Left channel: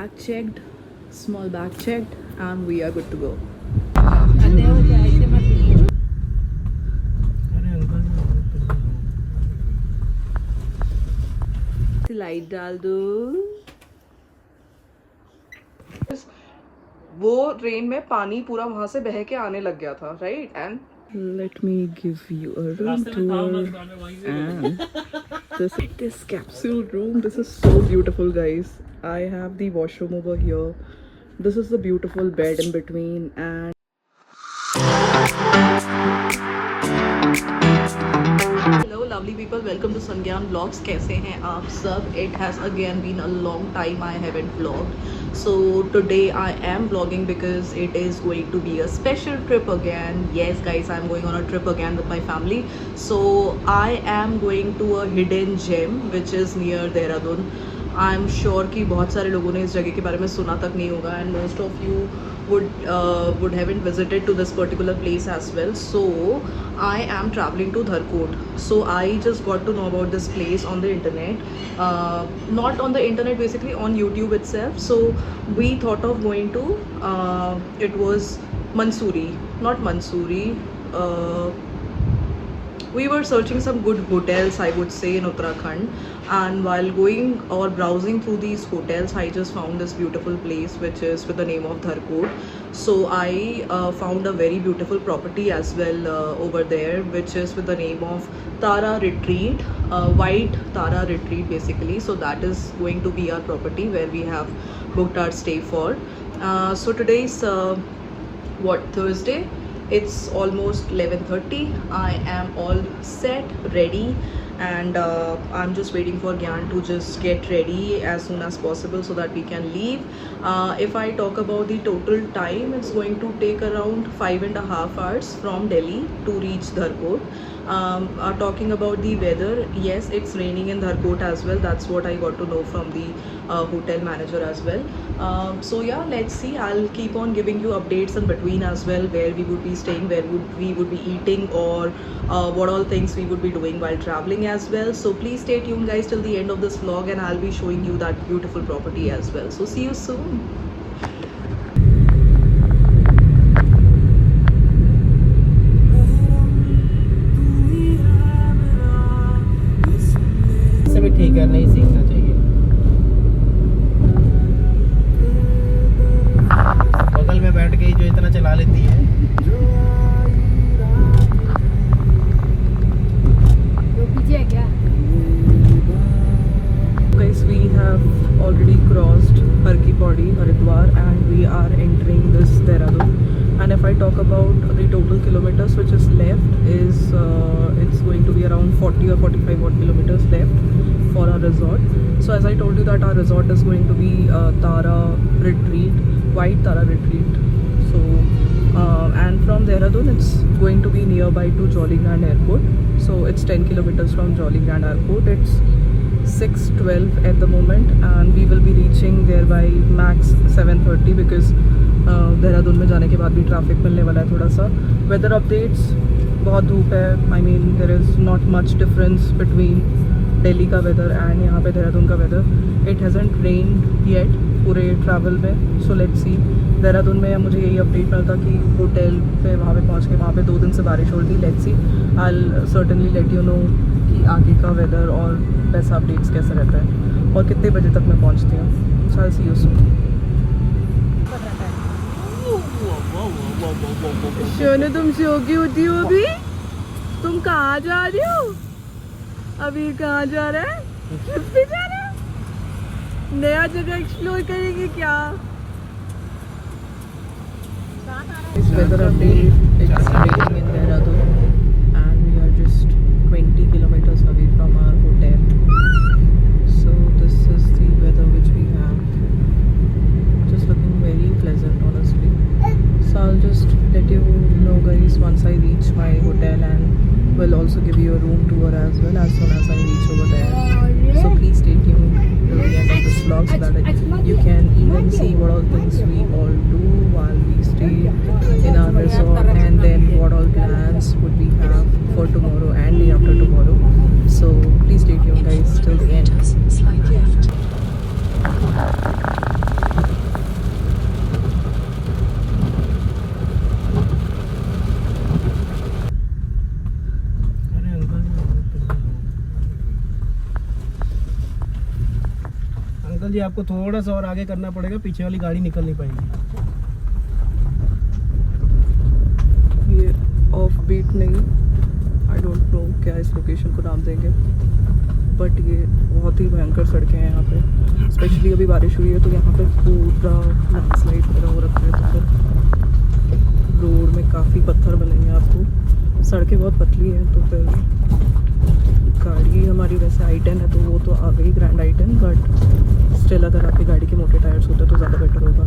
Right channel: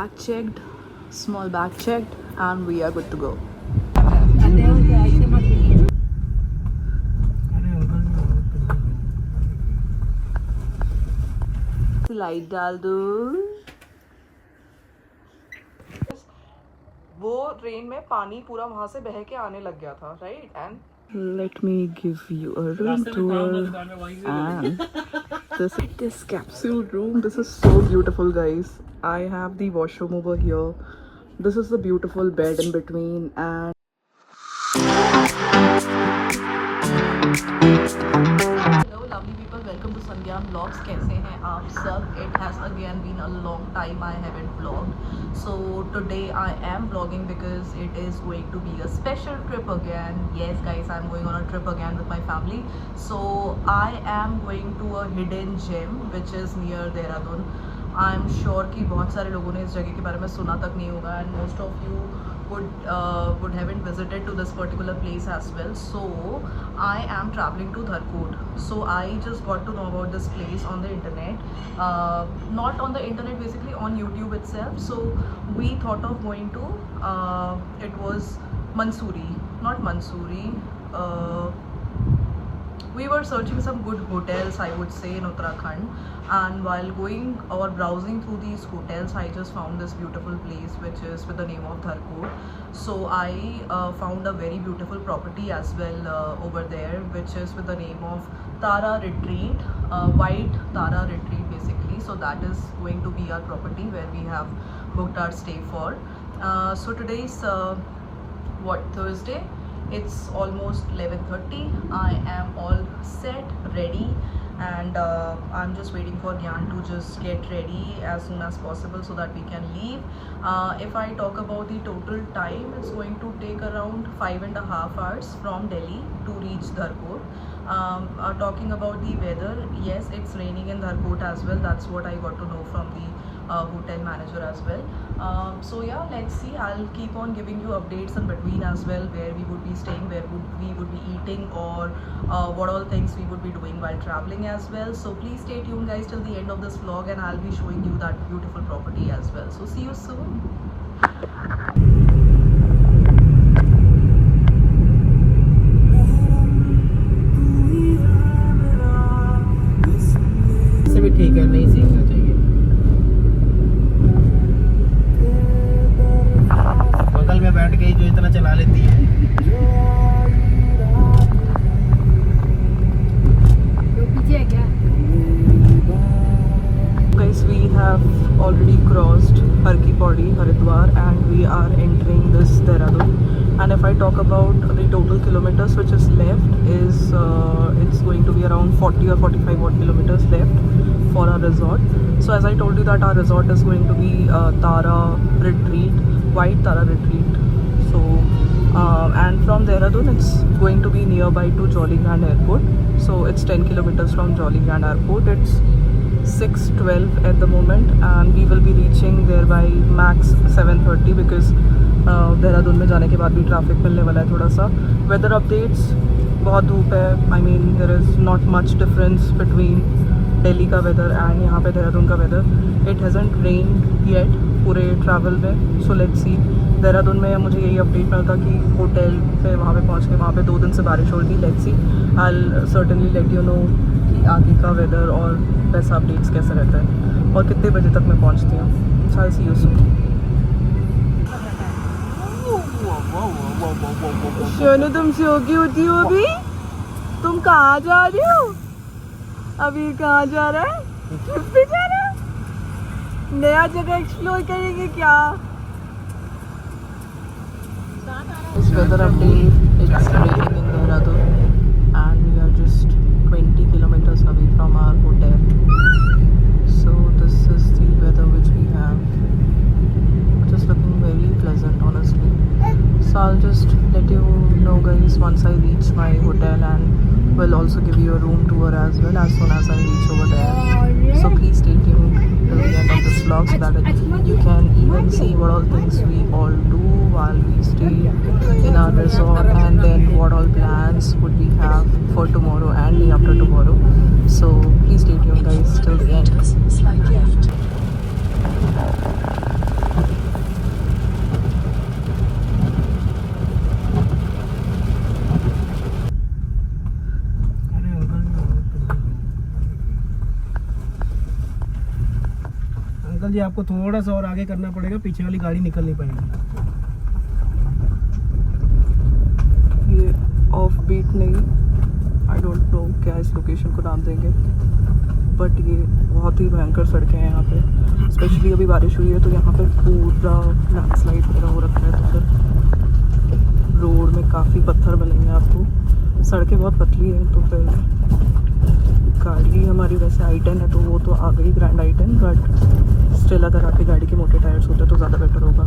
Bag checked, small bag checked, and we are good to go. Light डाल दो. वो रेन में पानी पूरा वहां से बह के आने लग गया था, right? And let me give you a room tour. And this capsule room, this is so beautiful, guys. I have the washroom over here. This is the beautiful bed in between. And hello lovely people, welcome to Sangyan Vlogs. कैसे हैं आप सब? It has again been a long time I haven't vlogged, so today I am vlogging because it is going to be a special trip again. Yes guys, I'm going on a trip again with my family. So I am going to a hidden gem which is near Dehradun. I'm sure कि बहुत सारे लोगों ने इस जगह के बारे में सुना तक नहीं होगा, and most of you would haven't visited to this particular place as well. So I am traveling to Dharkot. So I just got to know about this place on the internet, not on the internet, basically on YouTube itself. So we thought of going to it was Mansoori, not Mansoori. We were searching some good hotels, I would say, in Uttarakhand, and while going or browsing through these hotels, I just found this beautiful place which is with the name of Dharkot. So I found a very beautiful property as well over there, which is with the name of Tara Retreat, White Tara Retreat basically. So that is going to be our property where we have booked our stay for. So today's Thursday. It's almost 11:30. I am all set, ready, and I'm just waiting for Gyan to just get ready as soon as possible so that we can leave. If I talk about the total time, it's going to take around 5.5 hours from Delhi to reach Dharkot. Talking about the weather, yes, it's raining in Dharkot as well. That's what I got to know from the hotel manager as well. So yeah, let's see. I'll keep on giving you updates in between as well, where we would be staying, where we would be eating, or what all things we would be doing while traveling as well. So please stay tuned guys till the end of this vlog, and I'll be showing you that beautiful property as well. So see you soon. ठीक है, नहीं सीखना चाहिए। बगल में बैठ के ही जो इतना चला लेती है। तो पीछे है क्या? Guys, we have already crossed Har Ki Pauri, Haridwar, and we are entering this Dehradun. And if I talk about the total kilometers which is left is it's going to be around 40 or 45 odd kilometers left for our resort. So as I told you that our resort is going to be Tara Retreat, White Tara Retreat. So and from Dehradun it's going to be nearby to Jolly Grand Airport. So it's 10 kilometers from Jolly Grand Airport. It's 6:12 at the moment, and we will be reaching there by max 7:30 because देहरादून में जाने के बाद भी ट्रैफिक मिलने वाला है थोड़ा सा. वेदर अपडेट्स, बहुत धूप है. I mean there is not much difference between Delhi का वेदर एंड यहाँ पे देहरादून का weather. It hasn't rained yet पूरे ट्रैवल में. सो लेट्स सी. देहरादून में मुझे यही अपडेट मिला था कि होटल पे वहाँ पे पहुँच के वहाँ पे 2 दिन से बारिश हो रही थी. Let's see, I will certainly let you know कि आगे का वेदर और वैसा अपडेट्स कैसे रहता है और कितने बजे तक मैं पहुँचती हूँ. सो आई सी यू सून. सोनू, तुम सो के होती हो अभी? तुम कहाँ जा रही हो अभी? कहाँ जा रहा है? ट्रिप पे जा रहा है? नया जगह एक्सप्लोर करेंगे क्या? Weather update, it's raining in Dehradun and we are just 20 kilometers away from our hotel. So this is the weather which we have. Just looking very pleasant honestly. So I'll just let you know guys once I reach my hotel, and will also give you a room tour as well as soon as I reach over there. So please stay tuned till the end of this vlog so that you can even see what all things we all do while we stay in our resort, and then what all plans would we have for tomorrow and day after tomorrow. So please stay tuned guys till the end. Slide left. लीजिए, आपको थोड़ा सा और आगे करना पड़ेगा, पीछे वाली गाड़ी निकल नहीं पाएगी। ये ऑफ बीट नहीं, आई डोंट नो क्या इस लोकेशन को नाम देंगे, बट ये बहुत ही भयंकर सड़कें हैं यहाँ पे। स्पेशली अभी बारिश हुई है तो यहाँ पे पूरा लैंडस्लाइड वगैरह हो रखा है, तो फिर रोड में काफ़ी पत्थर मिलेंगे आपको। सड़कें बहुत पतली हैं तो फिर गाड़ी हमारी वैसे i10 है तो वो तो आ गई ग्रैंड i10, बट स्टिल अगर आपकी गाड़ी के मोटे टायर्स होते तो ज़्यादा बेटर होगा।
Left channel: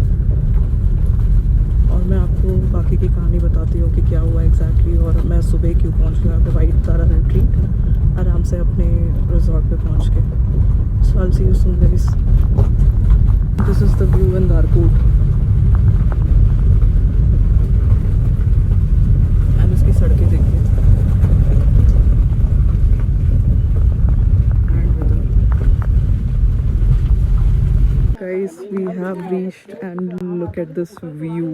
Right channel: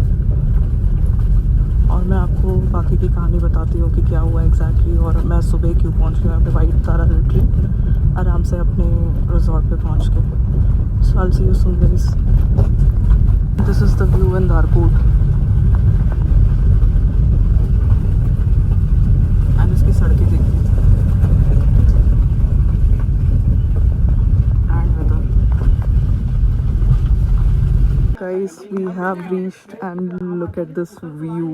और मैं आपको बाकी की कहानी बताती हूँ कि क्या हुआ एग्जैक्टली, और मैं सुबह क्यों पहुँच गया यहाँ पे वाइट तारा रिट्रीट आराम से अपने रिजॉर्ट पे पहुँच के। So I will see you soon guys. This is the view in Dharkot and इसकी सड़कें देखिए। Guys, we have reached and look at this view.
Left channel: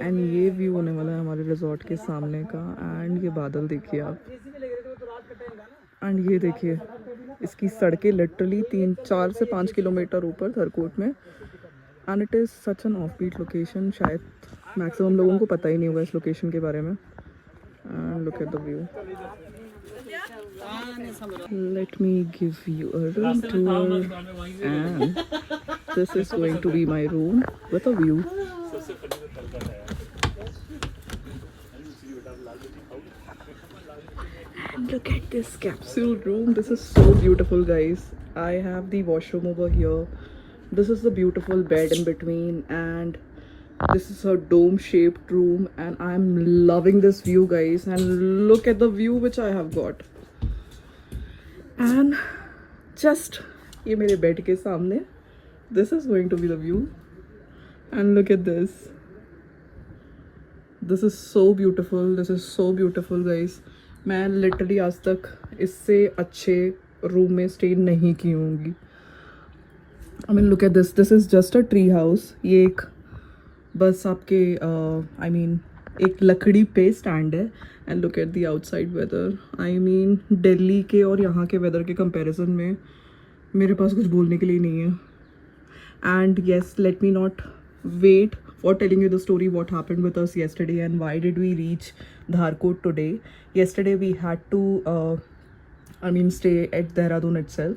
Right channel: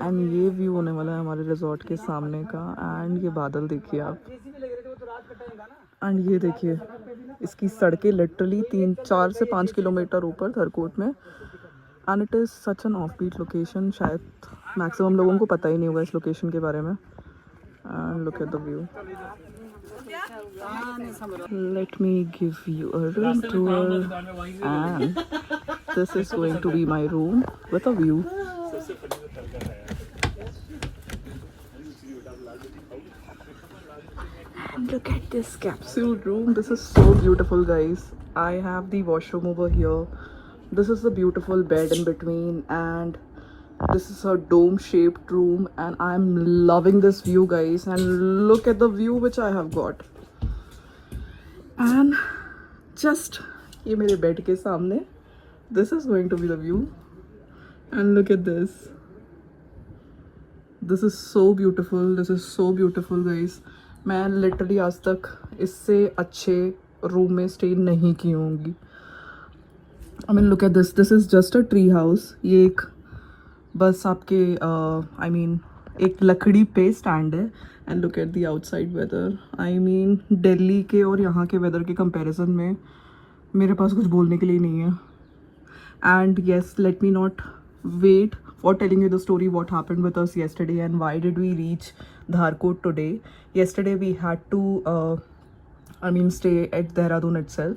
And ये व्यू होने वाला है हमारे रिजॉर्ट के सामने का। एंड ये बादल देखिए आप, एंड ये देखिए इसकी सड़कें लिटरली 4 से 5 किलोमीटर ऊपर धरकोट में। And it is such an off beat location, शायद मैक्सिमम लोगों को पता ही नहीं होगा इस लोकेशन के बारे में। And look at the view. Let me give you a room tour, and this is going to be my room with a view. And look at this capsule room. This is so beautiful, guys. I have the washroom over here. This is the beautiful bed in between, and this is a dome-shaped room, and I'm loving this view, guys. And look at the view which I have got. And just ये मेरे बेड के सामने, this is going to be the view. And look at this. This is so beautiful. This is so beautiful, guys. मैं literally आज तक इससे अच्छे रूम में स्टे नहीं की होंगी। I mean, look at this. This is just a tree house. ये एक बस आपके I mean एक लकड़ी पे स्टैंड है। And look at the outside weather. I mean Delhi के और यहाँ के वेदर के कंपैरिजन में मेरे पास कुछ बोलने के लिए नहीं है। And yes, let me not wait for telling you the story what happened with us yesterday and why did we reach Dharkot today. Yesterday we had to I mean stay at Dehradun itself,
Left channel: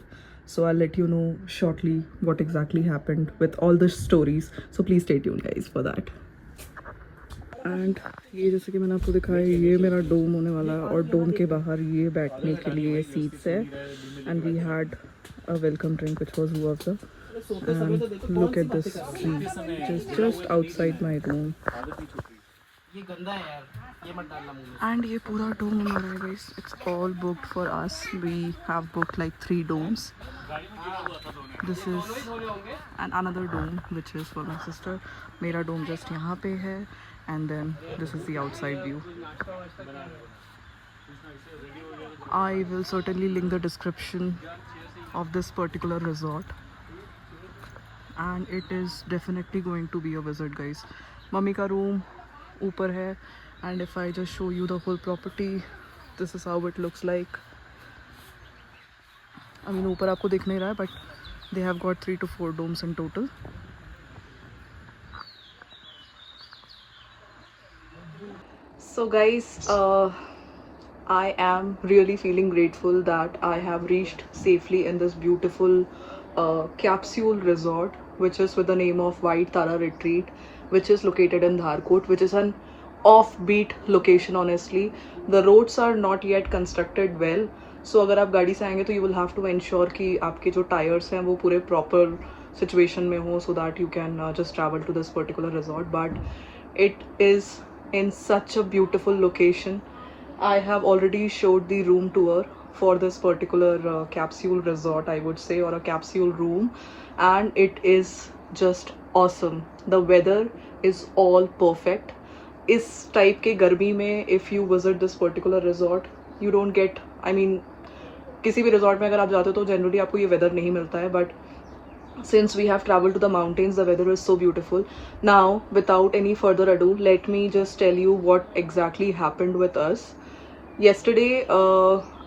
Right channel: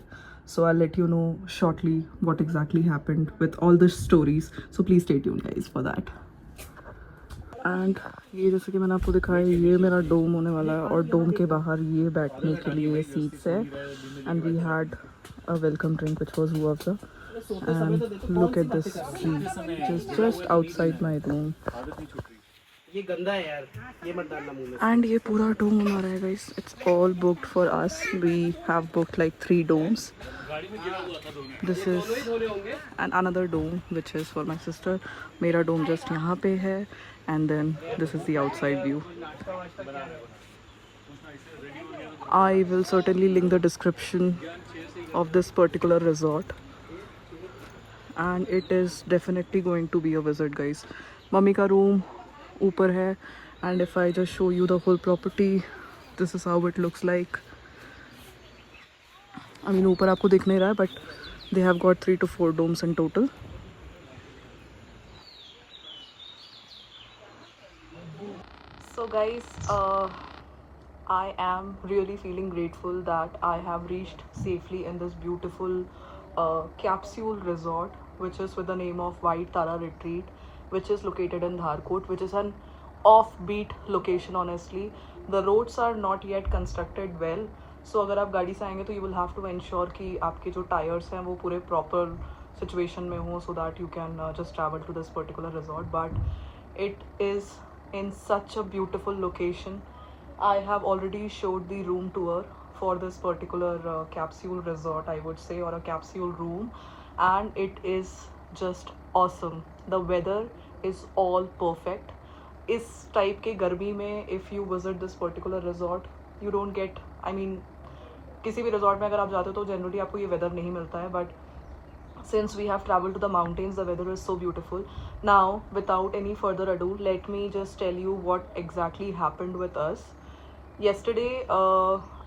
so I'll let you know shortly what exactly happened with all the stories, so please stay tuned guys for that. And ये जैसे कि मैंने आपको दिखाया, ये मेरा डोम होने वाला है, और डोम के बाहर ये बैठने के लिए सीट्स है। And we had a welcome drink which was हुआफजा। And look at this tree just outside my room. ये गंदा है यार, ये मत डालना मुंह में। एंड ये पूरा डोम हमारा है guys, it's all booked for us. We have booked like 3 domes. This is and another dome which is for my sister. मेरा डोम जस्ट यहाँ पे है, and then this is the outside view. I will certainly link the description of this particular resort, and it is definitely going to be a visit guys. Mummy का रूम ऊपर है, and if I just show you the full property, this is how it looks like. I mean ऊपर आपको दिख नहीं रहा है, but they have got 3 to 4 domes in total. So guys, I am really feeling grateful that I have reached safely in this beautiful capsule resort, which is with the name of White Tara Retreat, which is located in Dharkot, which is an offbeat location. Honestly, the roads are not yet constructed well, so अगर आप गाड़ी से आएंगे तो you will have to ensure कि आपके जो tires हैं वो पूरे proper situation में हो, so that you can just travel to this particular resort. But it is in such a beautiful location. I have already showed the room tour for this particular capsule resort, I would say, or a capsule room, and it is just awesome. The weather is all perfect. इस टाइप के गर्मी में if you visit this particular resort, you don't get, I mean किसी भी रिजॉर्ट में अगर आप जाते हो तो जनरली आपको ये वेदर नहीं मिलता है, but since we have traveled to the mountains, the weather is so beautiful. Now without any further ado, let me just tell you what exactly happened with us yesterday.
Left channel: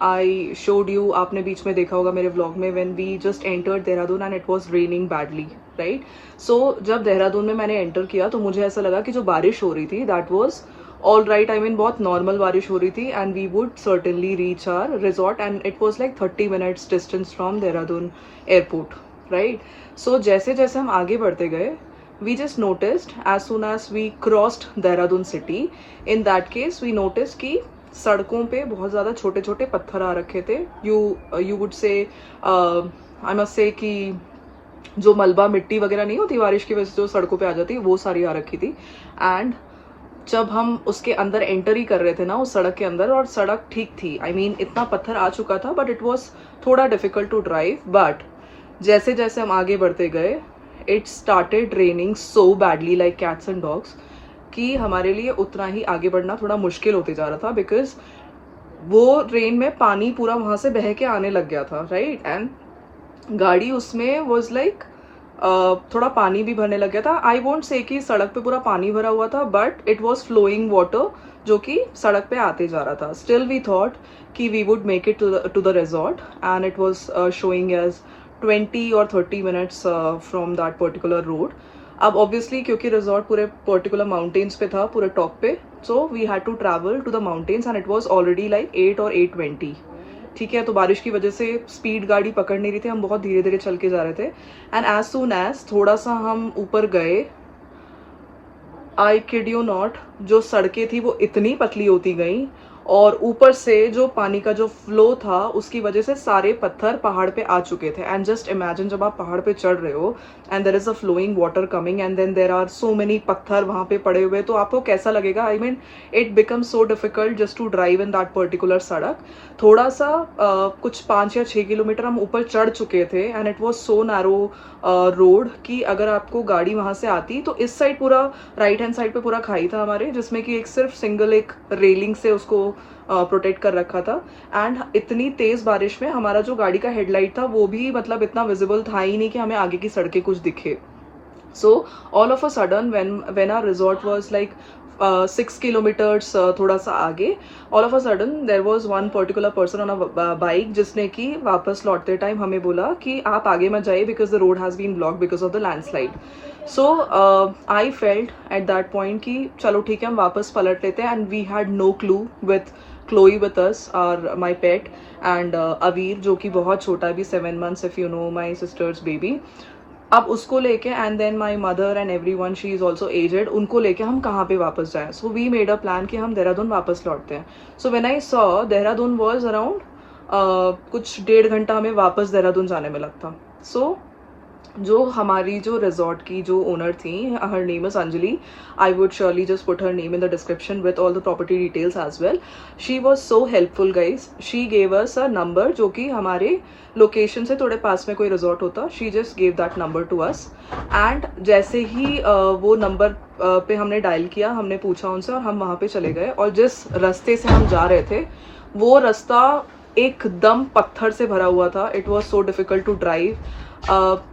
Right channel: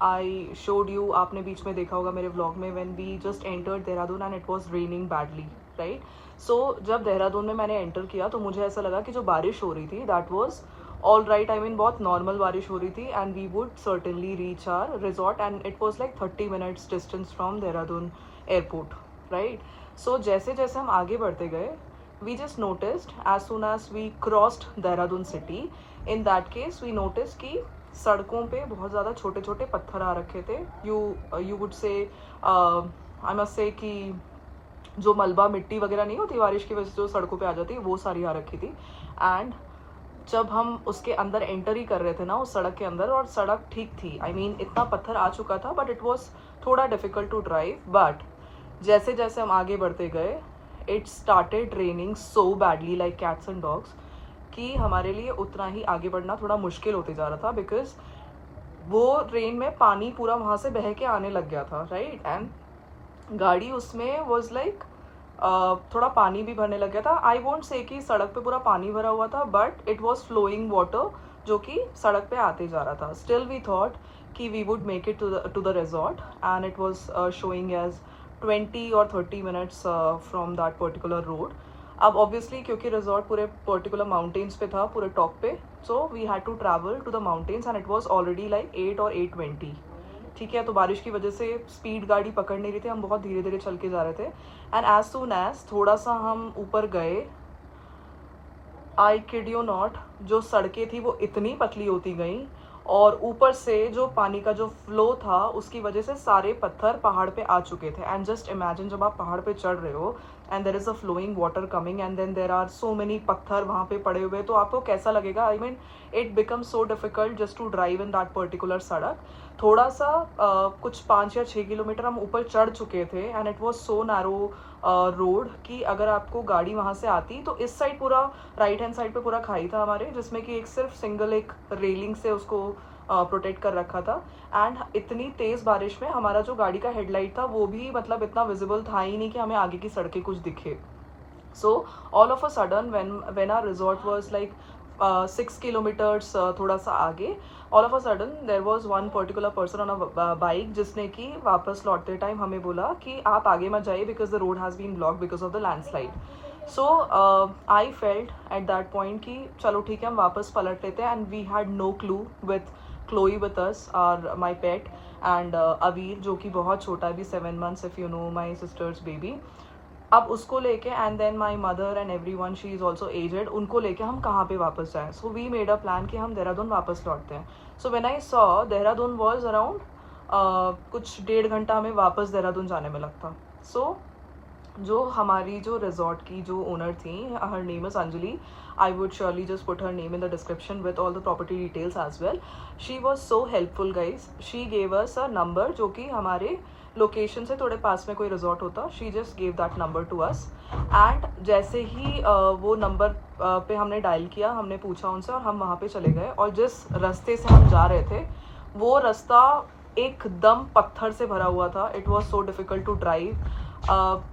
I showed you, आपने बीच में देखा होगा मेरे व्लॉग में, when we just entered Dehradun and it was raining badly, right? So जब देहरादून में मैंने एंटर किया तो मुझे ऐसा लगा कि जो बारिश हो रही थी that was all right. I mean बहुत नॉर्मल बारिश हो रही थी and we would certainly reach our resort and it was like 30 minutes distance from Dehradun airport, right? So जैसे जैसे हम आगे बढ़ते गए, we just noticed as soon as we crossed Dehradun city, in that case we noticed कि सड़कों पे बहुत ज़्यादा छोटे छोटे पत्थर आ रखे थे. You would say I must say कि जो मलबा मिट्टी वगैरह नहीं होती बारिश की वजह से जो सड़कों पे आ जाती वो सारी आ रखी थी. एंड जब हम उसके अंदर एंटर ही कर रहे थे ना उस सड़क के अंदर, और सड़क ठीक थी, आई मीन इतना पत्थर आ चुका था बट इट वॉज थोड़ा डिफिकल्ट टू ड्राइव. बट जैसे जैसे हम आगे बढ़ते गए it started raining so badly like cats and dogs कि हमारे लिए उतना ही आगे बढ़ना थोड़ा मुश्किल होते जा रहा था, बिकॉज वो रेन में पानी पूरा वहाँ से बह के आने लग गया था, राइट? एंड गाड़ी उसमें वॉज लाइक थोड़ा पानी भी भरने लग गया था. आई वोंट से कि सड़क पे पूरा पानी भरा हुआ था, but it was flowing water जो कि सड़क पे आते जा रहा था. स्टिल वी थॉट कि we would make it to the resort and it was showing as 20 or 30 minutes from that particular road. अब ऑब्वियसली क्योंकि रिजॉर्ट पूरे पर्टिकुलर माउंटेन्स पे था, पूरे टॉप पे, so we had to travel to the mountains and it was already like 8 or 8:20. ठीक है, तो बारिश की वजह से स्पीड गाड़ी पकड़ नहीं रही थी, हम बहुत धीरे धीरे चल के जा रहे थे. एंड एज सून एज थोड़ा सा हम ऊपर गए, आई किड यू नॉट, जो सड़कें थी वो इतनी पतली होती गई और ऊपर से जो पानी का जो फ्लो था उसकी वजह से सारे पत्थर पहाड़ पे आ चुके थे. एंड जस्ट इमेजिन जब आप पहाड़ पे चढ़ रहे हो and there is a flowing water coming and then there are so many पत्थर वहाँ पे पड़े हुए, तो आपको कैसा लगेगा? I mean it become so difficult just to drive in that particular सड़क. थोड़ा सा कुछ 5 या 6 किलोमीटर हम ऊपर चढ़ चुके थे and it was so narrow road कि अगर आपको गाड़ी वहाँ से आती तो इस साइड पूरा राइट हैंड साइड पे पूरा खाई था हमारे, जिसमें कि एक सिर्फ सिंगल एक रेलिंग से उसको प्रोटेक्ट कर रखा था. एंड इतनी तेज़ बारिश में हमारा जो गाड़ी का हेडलाइट था वो भी मतलब इतना विजिबल था ही नहीं कि हमें आगे की सड़कें कुछ दिखे. So all of a sudden when our resort was like 6 kilometres थोड़ा सा आगे, all of a sudden there was one particular person on a bike जिसने कि वापस लौटते टाइम हमें बोला कि आप आगे मत जाइए because the road has been block because of the landslide. So I felt at that point कि चलो ठीक है हम वापस पलट लेते हैं. And we had no clue with Chloe with us, our my pet, and Aveer जो कि बहुत छोटा है, अभी 7 months if you know, my sister's baby. अब उसको लेके and then my mother and everyone, she is also aged, उनको लेके हम कहाँ पे वापस जाएँ. So we made a plan कि हम देहरादून वापस लौटते हैं. So when I saw Dehradun was around कुछ 1.5 घंटा हमें वापस देहरादून जाने में लगता. सो जो हमारी जो रिजॉर्ट की जो ओनर थी, her name is Anjali, I would surely just put her name in the description with all the property details as well. She was so helpful guys. She gave us a number जो कि हमारे लोकेशन से थोड़े पास में कोई resort होता, she just gave that number to us. And जैसे ही वो नंबर पे हमने डायल किया, हमने पूछा उनसे और हम वहाँ पे चले गए. और जिस रास्ते से हम जा रहे थे वो रास्ता एकदम पत्थर से भरा हुआ था. It was so difficult to drive.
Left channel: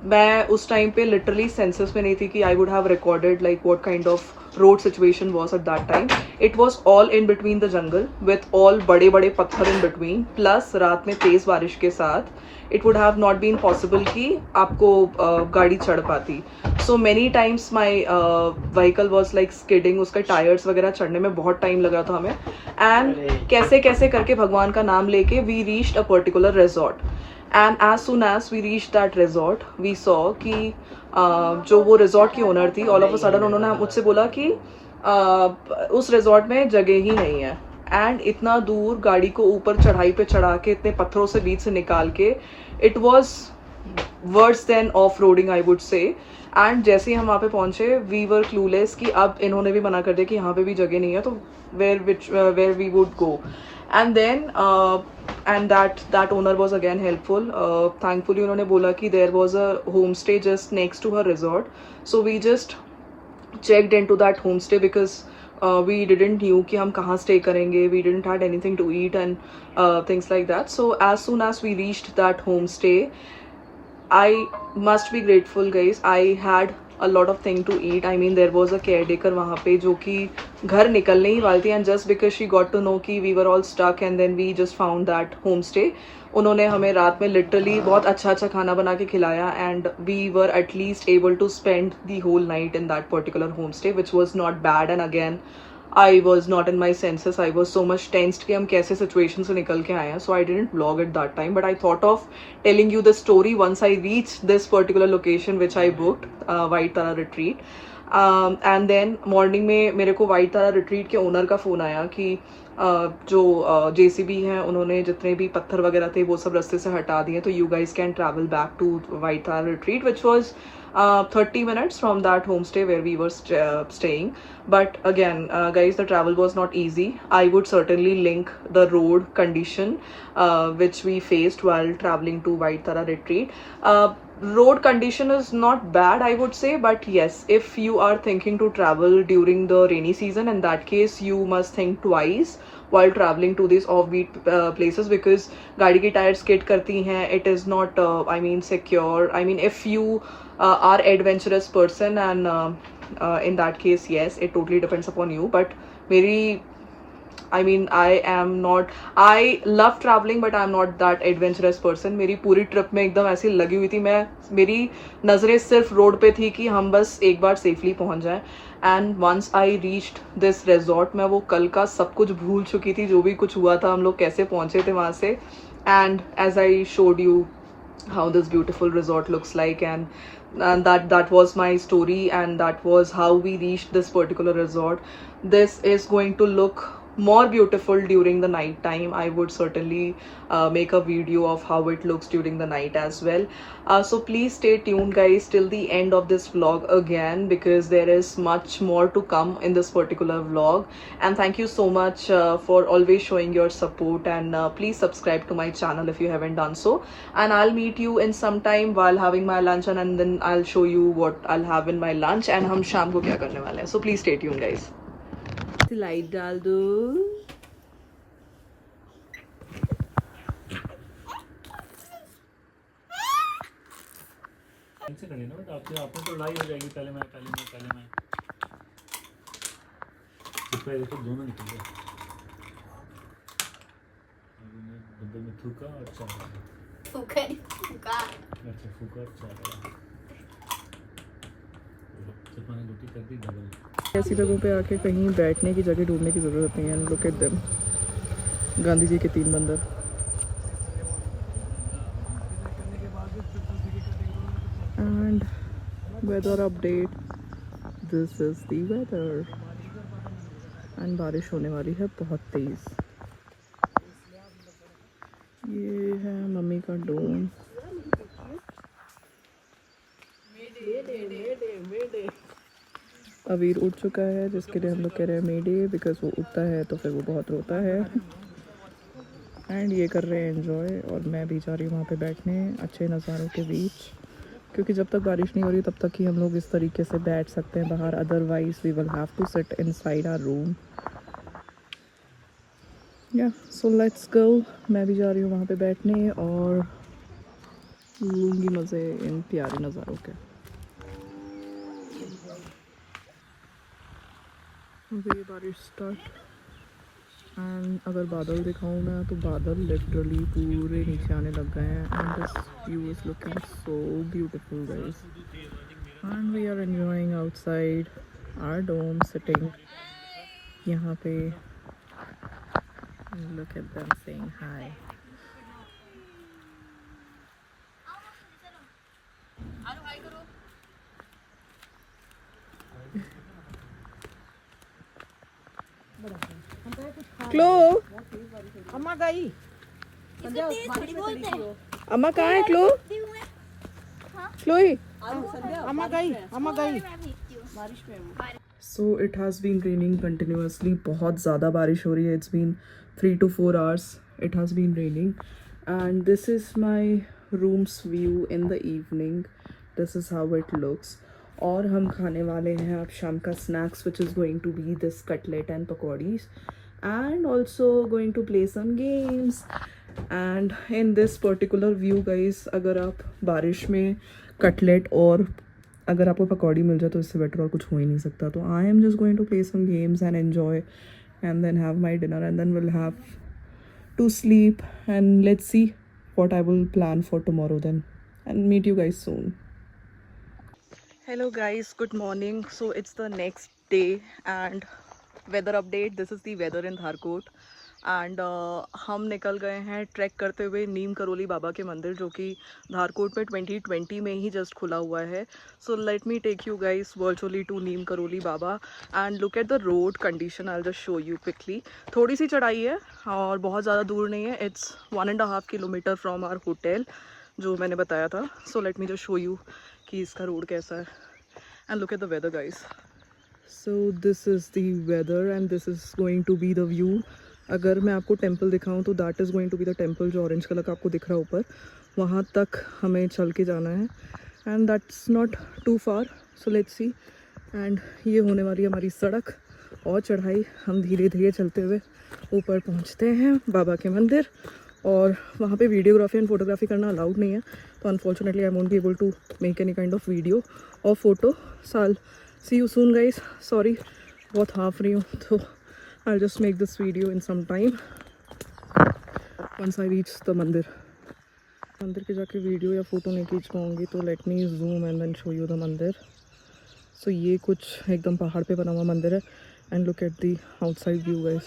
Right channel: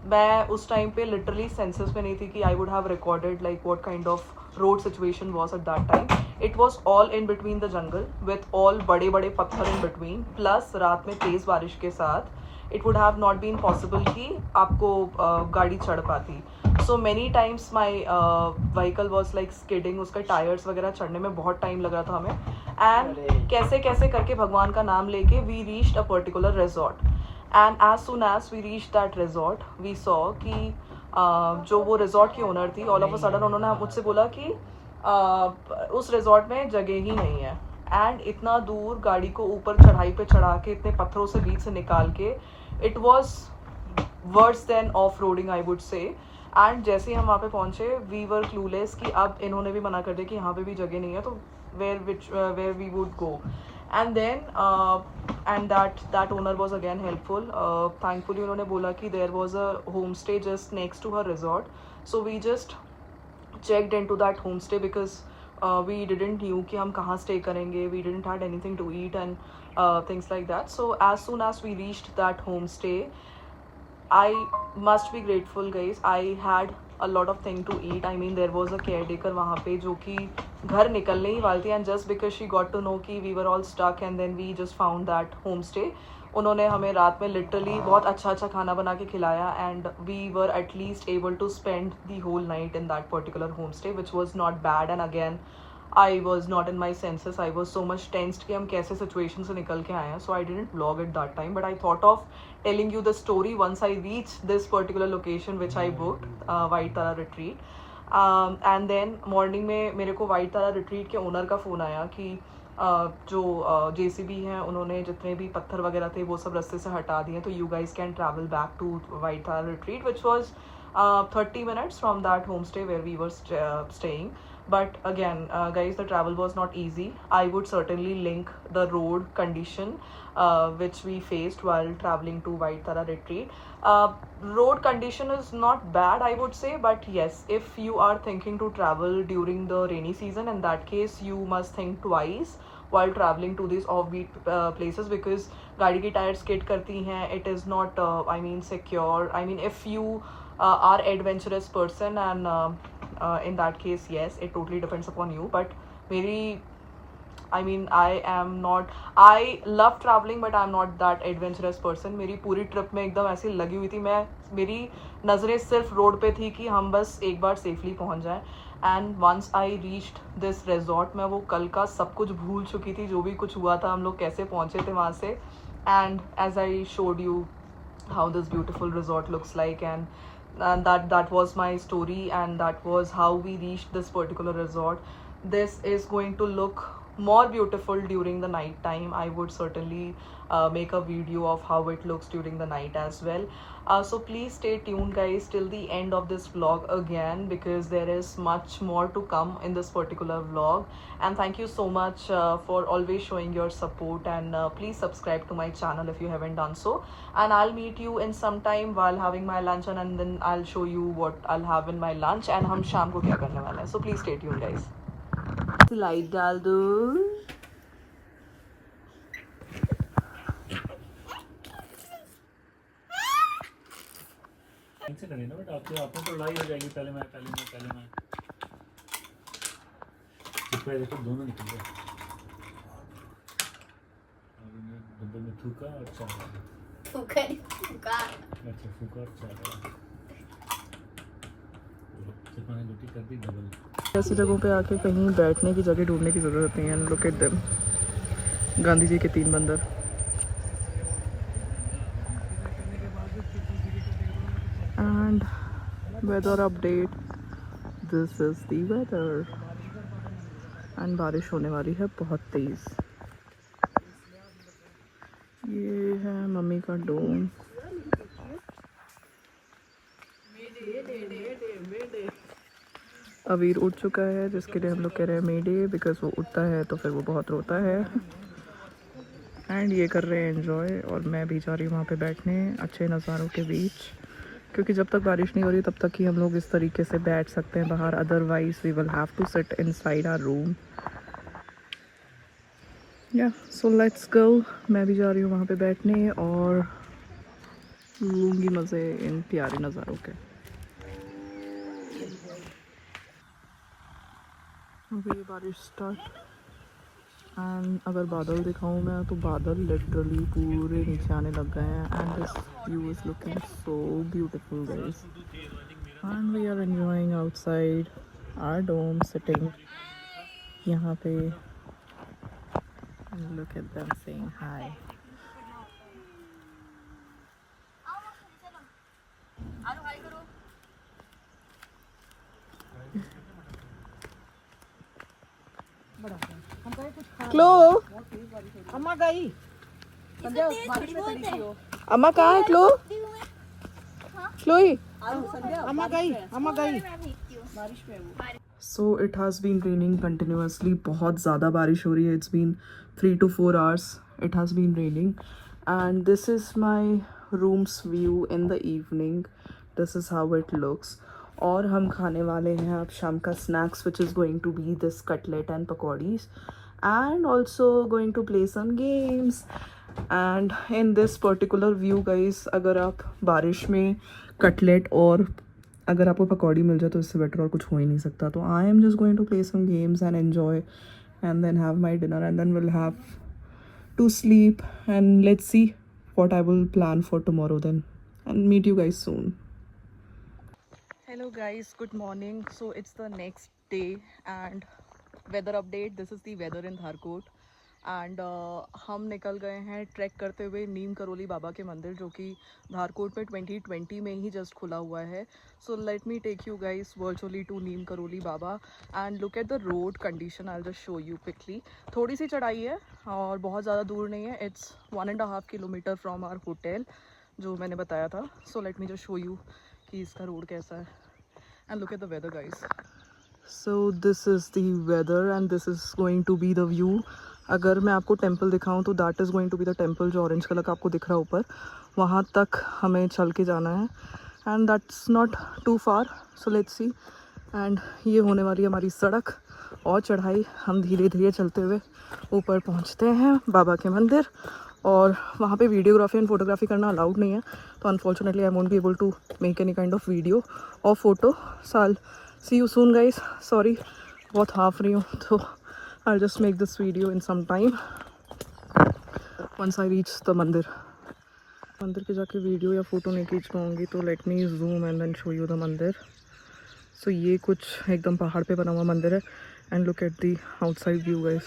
मैं उस टाइम पे लिटरली सेंसेस में नहीं थी कि I would have recorded like what kind of road situation was at that time. It was all in between the jungle with all बड़े बड़े पत्थर इन बिटवीन, प्लस रात में तेज़ बारिश के साथ it would have not been possible कि आपको गाड़ी चढ़ पाती. So many times my vehicle was like skidding, उसके टायर्स वगैरह चढ़ने में बहुत टाइम लगा था हमें. एंड कैसे कैसे करके भगवान का नाम लेके we reached a particular resort. And as soon as we reach that resort we saw कि जो वो रिजॉर्ट की ओनर थी, ऑल ऑफ अ सडन उन्होंने मुझसे बोला कि उस रिजॉर्ट में जगह ही नहीं है. एंड इतना दूर गाड़ी को ऊपर चढ़ाई पे चढ़ा के इतने पत्थरों से बीच से निकाल के, it was worse than off roading I would say. And जैसे ही हम वहाँ पे पहुँचे वी वर क्लूलेस कि अब इन्होंने भी मना कर दिया कि यहाँ पे भी जगह नहीं है, तो where we would go. And then and that owner was again helpful. Thankfully उन्होंने बोला कि there was a homestay just next to her resort, so we just checked into that homestay because we didn't knew कि हम कहाँ stay करेंगे. We didn't had anything to eat and things like that. So as soon as we reached that homestay, I must be grateful guys, I had a lot of thing to eat. I mean there was a caretaker वहाँ पे जो कि घर निकलने ही वाली थी, and just because she got to know कि we were all stuck and then we just found that homestay, उन्होंने हमें रात में लिटरली बहुत अच्छा अच्छा खाना बना के खिलाया, and we were at least able to spend the whole night in that particular home stay which was not bad. And again I was not in my senses. I was so much tensed कि हम कैसे situation से निकल के आए हैं. So I didn't vlog at that time. But I thought of telling you the story once I reached this particular location which I booked, White Tara Retreat. And then morning में मेरे को White Tara Retreat के owner का phone आया कि जो JCB हैं उन्होंने जितने भी पत्थर वगैरह थे वो सब रास्ते से हटा दिए, तो you guys can travel back to White Tara Retreat, which was 30 minutes from that homestay where we were staying. But again, guys, the travel was not easy. I would certainly link the road condition which we faced while traveling to White Tara Retreat. Road condition is not bad, I would say, but yes, if you are thinking to travel during the rainy season, in that case you must think twice while traveling to these offbeat places, because गाड़ी की tyre skid करती हैं. It is not I mean secure. I mean if you are adventurous person, and in that case yes, it totally depends upon you. But मेरी I mean I love traveling but I'm not that adventurous person. मेरी पूरी ट्रिप में एकदम ऐसी लगी हुई थी, मेरी नज़रें सिर्फ रोड पे थी कि हम बस एक बार सेफली पहुंच जाएं. And once I reached this resort, मैं वो कल का सब कुछ भूल चुकी थी, जो भी कुछ हुआ था, हम लोग कैसे पहुंचे थे वहाँ से. And as I showed you how this beautiful resort looks like, and that was my story, and that was how we reached this particular resort. This is going to look more beautiful during the night time. I would certainly make a video of how it looks during the night as well. So please stay tuned guys till the end of this vlog again, because there is much more to come in this particular vlog. And thank you so much for always showing your support, and please subscribe to my channel if you haven't done so. And I'll meet you in some time while having my lunch, and then I'll show you what I'll have in my lunch and हम शाम को क्या करने वाले हैं. So please stay tuned guys. Light डाल दो. से करिए ना बेटा, आपने तो लड़ाई हो जाएगी. पहले मैं देखो दोनों निकल गए. डब्बे में थूका और चारा. अच्छा फूका और चारा. सिर्फ मैंने रोटी कर दी डबल. ऐसी जगहों पे आके कहीं बैठने की जगह ढूंढने की ज़रूरत नहीं है. Look at them, Gandhi ji के 3 बंदर. And weather update, this is the weather. And बारिश होने वाली है बहुत तेज़. ये है मम्मी का डोम. अवीर उठ चुका है, जिसके लिए हम लोग कह रहे हैं मे डे, बिकॉज वो उठता है तो फिर वो बहुत रोता है. एंड ये कर रहे हैं एंजॉय, और मैं भी जा रही हूँ वहाँ पे बैठने अच्छे नज़ारों के बीच, क्योंकि जब तक बारिश नहीं हो रही तब तक ही हम लोग इस तरीके से बैठ सकते हैं बाहर. Otherwise we will have to sit inside our room. या सो लेट्स गो. मैं भी जा रही हूँ वहाँ पे बैठने और लूँगी मज़े इन प्यारे नज़ारों के. अभी बारिश स्टार्ट, एंड अगर बादल दिखाऊं मैं तो बादल लिटरली पूरे नीचे आने लग गए हैं. And this view is looking so beautiful guys, and we are enjoying outside our dome, sitting यहाँ पे. Look at them saying hi. Chloe, अम्मा गई. अम्मा कहाँ है? Chloe, Chloe. अम्मा गई. So it has been raining continuously. बहुत ज़्यादा बारिश हो रही है. It's been 3 to 4 hours. It has been raining, and this is my room's view in the evening. This is how it looks. और हम खाने वाले हैं अब शाम का snacks, which is going to be this cutlet and pakodis, and also going to play some games. And in this particular view guys, अगर आप बारिश में कटलेट और अगर आपको पकौड़ी मिल जाए तो इससे बेटर और कुछ हो ही नहीं सकता. तो I am just going to play some games and enjoy and then have my dinner and then will have to sleep and let's see what I will plan for tomorrow then, and meet you guys soon. Hello guys, good morning. So it's the next day and weather update. This is the weather in Dharkot and हम निकल गए हैं ट्रैक करते हुए नीम करोली बाबा के मंदिर, जो कि धारकोट में 2020 में ही जस्ट खुला हुआ है. So let me take you guys virtually to Neem Karoli Baba and look at the road condition. I just show you quickly. थोड़ी सी चढ़ाई है और बहुत ज़्यादा दूर नहीं है. It's 1.5 kilometre from our hotel जो मैंने बताया था. So let me just show you कि इसका रोड कैसा है and look at the weather guys. So this is the weather and this is going to be the view. अगर मैं आपको टेंपल दिखाऊं तो that is going to be the temple जो ऑरेंज कलर का आपको दिख रहा है ऊपर. वहाँ तक हमें चल के जाना है and that's not too far. So let's see. And ये होने वाली हमारी सड़क और चढ़ाई. हम धीरे धीरे चलते हुए ऊपर पहुँचते हैं बाबा के मंदिर. और वहाँ पे वीडियोग्राफी एंड फोटोग्राफी करना अलाउड नहीं है, तो unfortunately I won't be able to make any kind of video और photo. So I will see you soon guys. Sorry बहुत हाफ रही हूँ, तो I'll just make this video in some time once I reach the मंदिर. मंदिर के जाके वीडियो या फ़ोटो नहीं खींच पाऊँगी, तो let me zoom and then show you the mandir. So ये कुछ एकदम पहाड़ पे बना हुआ मंदिर है and look at the outside view guys.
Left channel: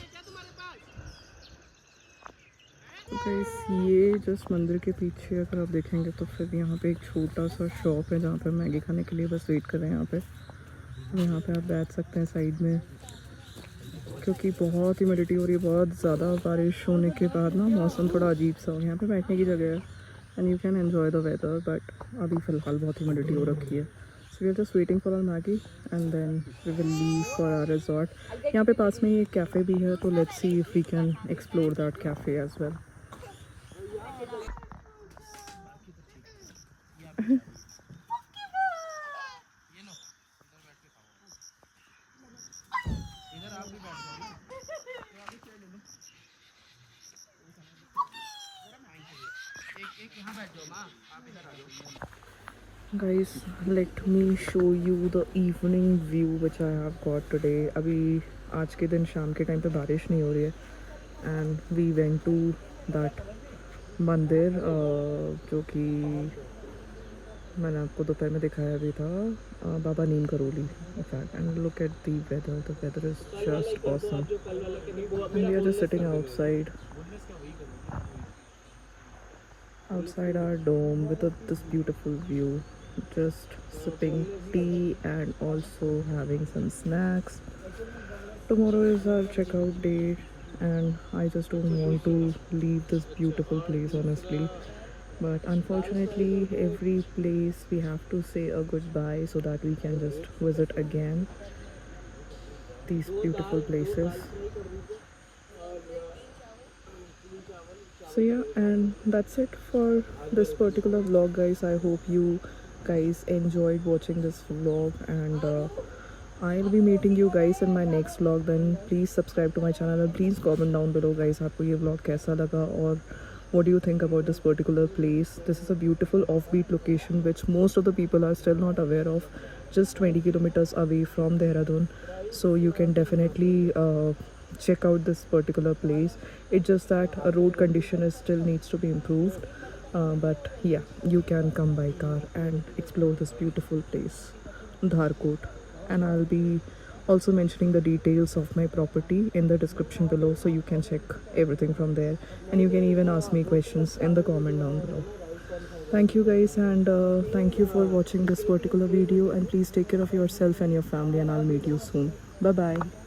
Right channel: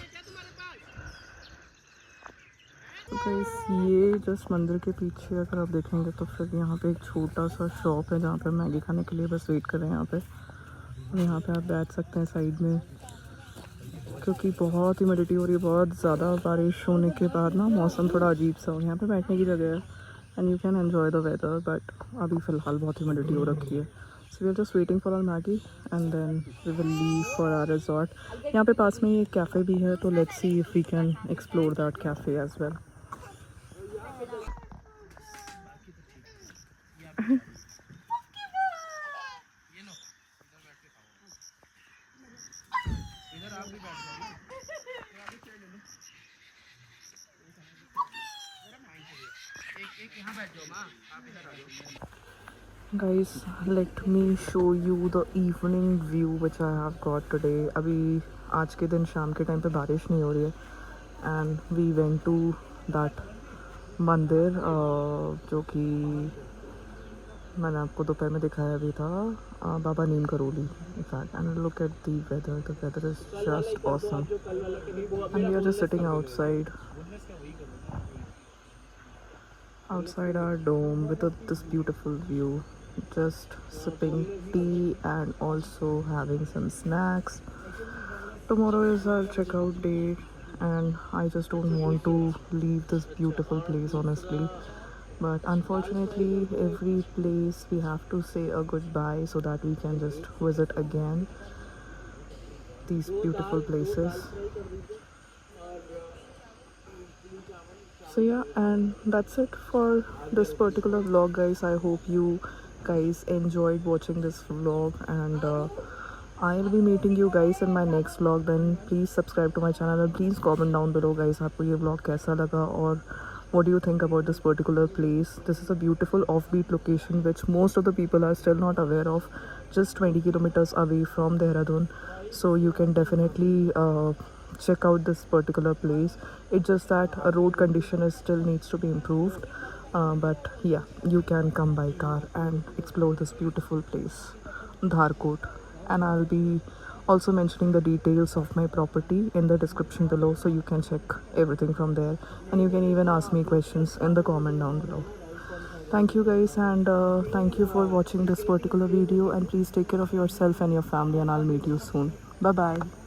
तो गाइस ये जस्ट मंदिर के पीछे अगर आप देखेंगे तो फिर यहाँ पे एक छोटा सा शॉप है जहाँ पे मैगी खाने के लिए बस वेट कर रहे हैं यहाँ पे. यहाँ पे आप बैठ सकते हैं साइड में, क्योंकि बहुत ह्यूमिडिटी हो रही है. बहुत ज़्यादा बारिश होने के बाद ना मौसम थोड़ा अजीब सा हो. यहाँ पे बैठने की जगह है and you can enjoy the weather, but अभी फ़िलहाल बहुत ह्यूमिडिटी हो रखी है. So we are just waiting for our Maggi and then we will leave for our resort. यहाँ पे पास में ही एक कैफ़े भी है, तो let's see if we can explore that cafe as well. Guys, let me show you the evening view which I have got today. अभी आज के दिन शाम के टाइम पे बारिश नहीं हो रही है and we went to that मंदिर जो कि मैंने आपको दोपहर में दिखाया भी था, बाबा नीम Karoli. And look at the weather. The weather is just awesome. And we are just sitting outside our dome with this beautiful view, just sipping tea and also having some snacks. Tomorrow is our checkout day and I just don't want to leave this beautiful place honestly, but unfortunately every place we have to say a goodbye so that we can just visit again these beautiful places. So yeah, and that's it for this particular vlog guys. I hope you guys enjoyed watching this vlog and I'll be meeting you guys in my next vlog. Then please subscribe to my channel and please comment down below guys आपको ये vlog कैसा लगा और what do you think about this particular place. This is a beautiful offbeat location which most of the people are still not aware of, just 20 kilometers away from Dehradun. So you can definitely check out this particular place. It's just that a road condition is still needs to be improved, but yeah, you can come by car and explore this beautiful place, Dharkot. And I'll be also mentioning the details of my property in the description below, so you can check everything from there and you can even ask me questions in the comment down below. Thank you guys and thank you for watching this particular video and please take care of yourself and your family and I'll meet you soon. Bye bye.